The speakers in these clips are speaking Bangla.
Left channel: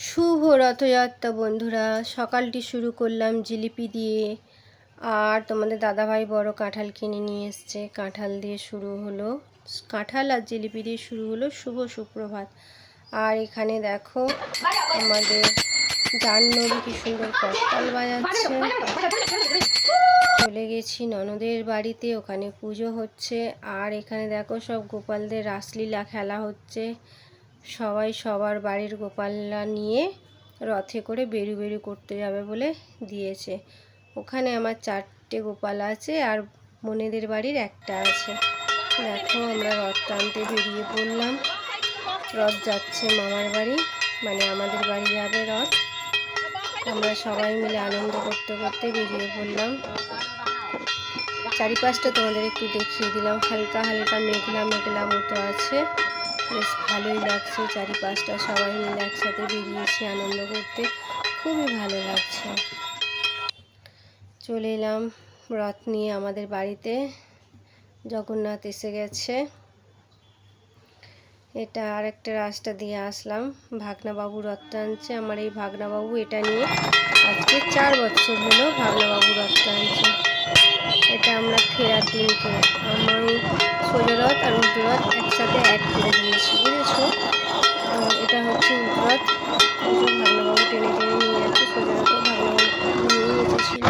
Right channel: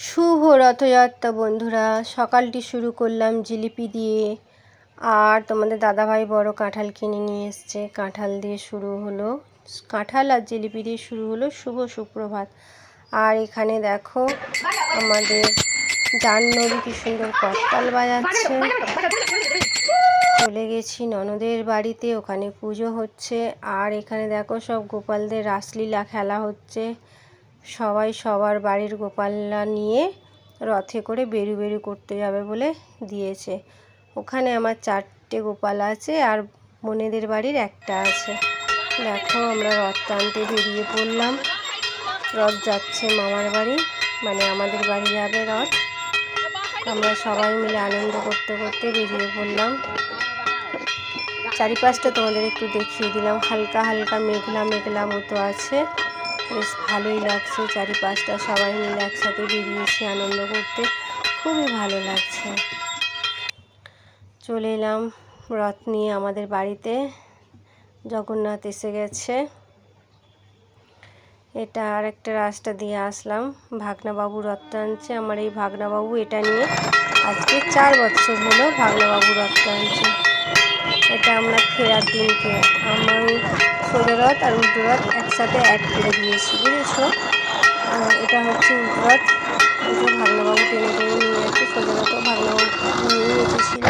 শুভ রথযাত্রা বন্ধুরা। সকালটি শুরু করলাম জিলিপি দিয়ে, আর তোমাদের দাদাভাই বড় কাঁঠাল কিনে নিয়ে এসছে। কাঁঠাল দিয়ে শুরু হলো, কাঁঠাল আর জিলিপি দিয়ে শুরু হলো শুভ সুপ্রভাত। আর এখানে দেখো আমাদের জাহ্নবী কি সুন্দর করতাল বাজাচ্ছে। চলে গেছি ননদের বাড়িতে, ওখানে পুজো হচ্ছে। আর এখানে দেখো সব গোপালদের রাসলীলা খেলা হচ্ছে। সবাই সবার বাড়ির গোপালরা নিয়ে রথে করে বেরু বেরু করতে যাবে বলে দিয়েছে। ওখানে আমার 4টে গোপাল আছে, আর বোনেদের বাড়ির একটা আছে। দেখো আমরা রথ টানতে বেরিয়ে পড়লাম। রথ যাচ্ছে মামার বাড়ি, মানে আমাদের বাড়ি যাবে রথ। আমরা সবাই মিলে আনন্দ করতে করতে বেরিয়ে পড়লাম। চারিপাশটা তোমাদের একটু দেখিয়ে দিলাম। হালকা হালকা মেঘলা মেঘলা মতো আছে, বেশ ভালোই লাগছে। চারিপাশটা সবাই মিলে একসাথে বেরিয়েছি আনন্দ করতে, খুবই ভালো লাগছে। চলে এলাম রথ নিয়ে আমাদের বাড়িতে। জগন্নাথ এসে গেছে। এটা আর একটা রাস্তা দিয়ে আসলাম। ভাগনাবাবু রথ টানছে। আমার এই ভাগনাবাবু এটা নিয়ে আজকে 4 বছর হলো ভাগনাবাবু রথ টানছে। এটা আমরা ফেরার দিনকে আমি সোজা রথ আর উল্টো রথ একসাথে অ্যাড করে দিয়েছি, বুঝেছো। এটা হচ্ছে উল্টো রথ, ভাগনাবাবু টেনে টেনে নিয়ে যাচ্ছে। সোজা রথও ভাগনাবাবু নিয়ে এসেছিল।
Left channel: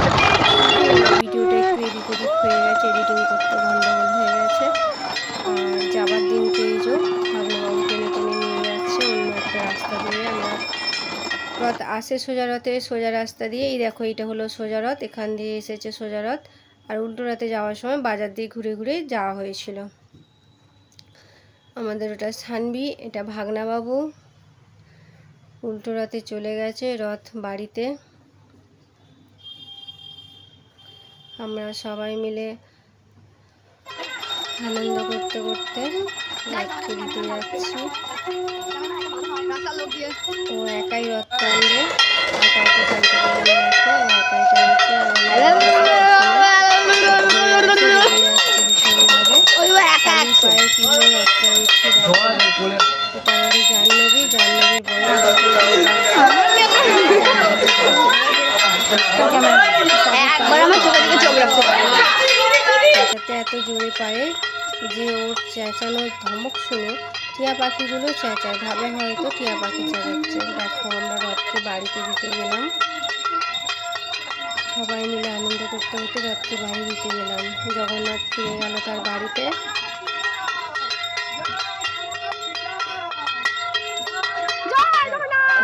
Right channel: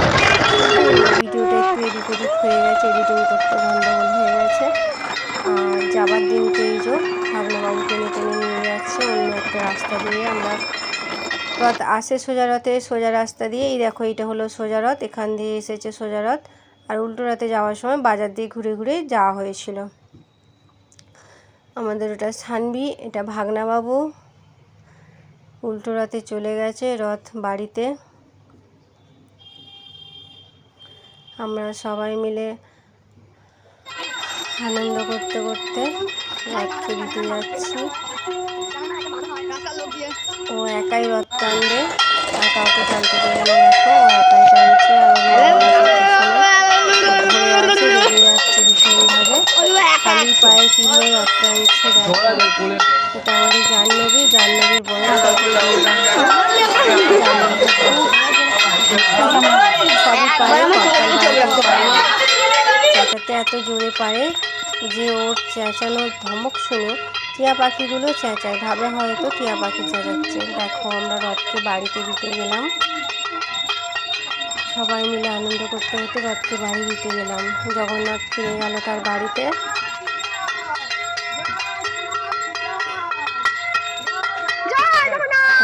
ভিডিওটা একটু এদিক ওদিক হয়ে গেছে, এডিটিং করতে গন্ডগোল হয়ে গেছে। আর যাবার দিনকে এই যে ভাগনাবাবু টেনে টেনে নিয়ে যাচ্ছে অন্য একটা রাস্তা দিয়ে। আমরা রথ আসে সোজা রথে, সোজা রাস্তা দিয়ে। এই দেখো এটা হলো সোজা রথ, এখান দিয়ে এসেছে সোজা রথ। আর উল্টো রথে যাওয়ার সময় বাজার দিয়ে ঘুরে ঘুরে যাওয়া হয়েছিল। আমাদের ওটা সানবি, এটা ভাগনাবাবু। উল্টো রথে চলে গেছে রথ বাড়িতে। আমরা সবাই মিলে আনন্দ করতে করতে রথকে দিতে যাচ্ছি। ও একাই রথ টানবে, আর কাউকে টানতে দেবে না। দেখো ও একাই টানছে, আর রেগে যাচ্ছে ভীষণভাবে। খালি পায়ে কিভাবে রথ টানছে দেখো। এটা আমাদের জাহ্নবী, জাহ্নবীর বয়স সবই পায়ে চেঁচাতে এত জোরে পারে যে ওর চেঁচানোর ধমক শুনে টিয়া পাখিগুলো চেঁচায়, ভাবে হয়তো টিয়া পাখি চেঁচাচ্ছে। দেখো আমরা রথকে বাড়িতে দিতে গেলাম, সবাই মিলে আনন্দ করতে করতে রথকে বাড়ি দিতে গেলাম। জগন্নাথ ফিরে গেল তার বাড়িতে।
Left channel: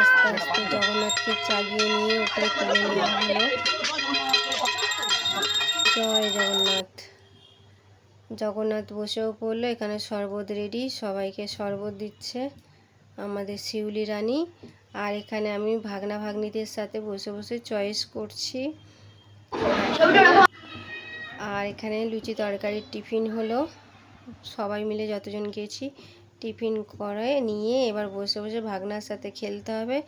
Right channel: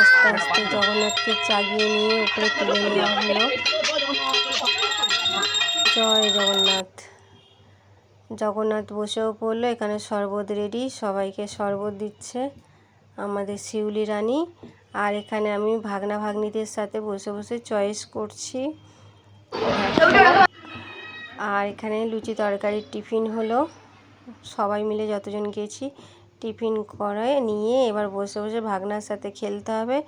আস্তে আস্তে জগন্নাথকে চাগিয়ে নিয়ে উপরে তুলে নেওয়া হলো। জয় জগন্নাথ। জগন্নাথ বসেও পড়লো। এখানে শরবত রেডি, সবাইকে শরবত দিচ্ছে আমাদের শিউলি রানী। আর এখানে আমি ভাগনা ভাগ্নিদের সাথে বসে বসে চয়েস করছি। আর এখানে লুচি তরকারির টিফিন হলো। সবাই মিলে যতজন গেছি টিফিন করে নিয়ে এবার বসে বসে ভাগনার সাথে খেলতে হবে।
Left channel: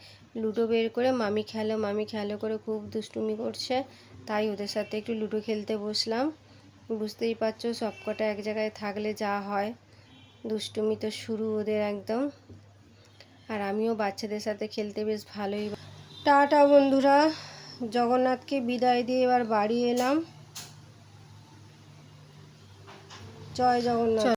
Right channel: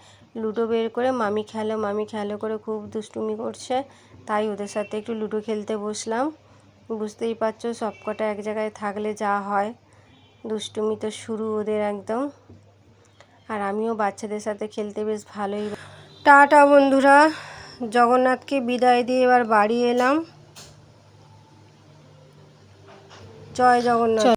লুডো বের করে মামি খেলো মামি খেলো করে খুব দুষ্টুমি করছে, তাই ওদের সাথে একটু লুডো খেলতে বসলাম। বুঝতেই পারছো সবকটা এক জায়গায় থাকলে যা হয়, দুষ্টুমি তো শুরু ওদের একদম। আর আমিও বাচ্চাদের সাথে খেলতে বেশ ভালোই। টাটা বন্ধুরা, জগন্নাথকে বিদায় দিয়ে এবার বাড়ি এলাম। জয় জগন্নাথ।